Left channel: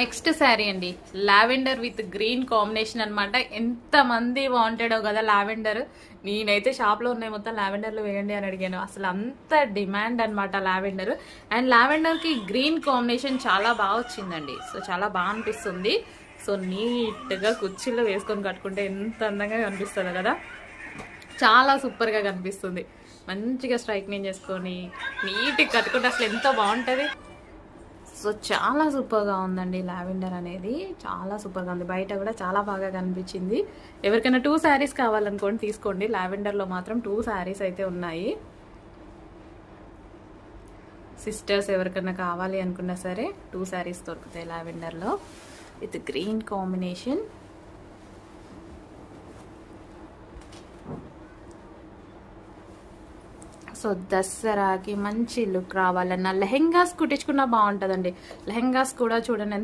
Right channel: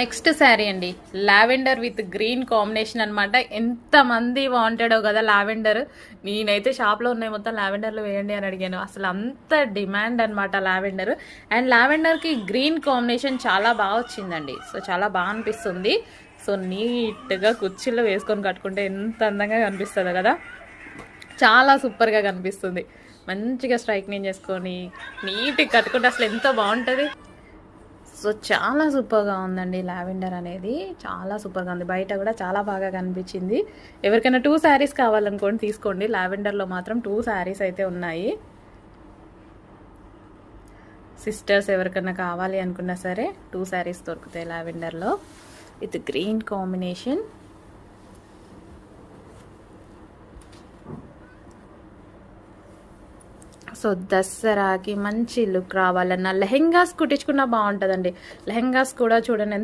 Next sari అండి, lavender with green combination అనమాట. ఎంతమంది వాంటెడో కదా లావెండర్. నేనైతే షాప్లో ఉన్నాయి మొత్తం లావెండర్లో వేయండి అని అడిగాను. అసలు అంత డిమాండ్ అనమాట లావెండర్. అండ్ లావెండర్కి గ్రీన్ కాంబినేషన్ చాలా బాగా వచ్చిందండి. సో చాలా బాగా అనిపిస్తుంది. సో నీట్గా కుర్చీలో వేసుకొని కట్టుకుంటే ఎంత అందంగా కనిపిస్తుంది కదా, చాలా సూపర్గా కనిపిస్తుంది. మంచిగా స్ట్రైక్నింగ్ చేసుకొని నీట్గా కట్టుకుంటే అసలు ఎంత బాగుంటుంది. సో చాలా సూపర్గా ఉందండి లావెండర్ అనేది, చాలా సూపర్గా ఉంది. బయట కూడా చాలా బాగా కనిపించింది. ఎవరికైనా 2 శారీస్ కావాలనుకోండి తీసుకోండి. లావెండర్లో మాత్రం 2 శారీస్ అయితే ఉన్నాయి. సిస్టర్స్ ఎవరికైనా కావాలి అనుకున్నా సరే 2 శారీస్ దొరుకుతాయి లావెండర్లో విత్ గ్రీన్ కాంబినేషన్. సో దసరాకి మంచి లుక్ రావాలన్నా లెహెంగాస్ కుట్టించుకున్నా బాగుంటుందండి. లెహెంగాస్ కూడా చూడండి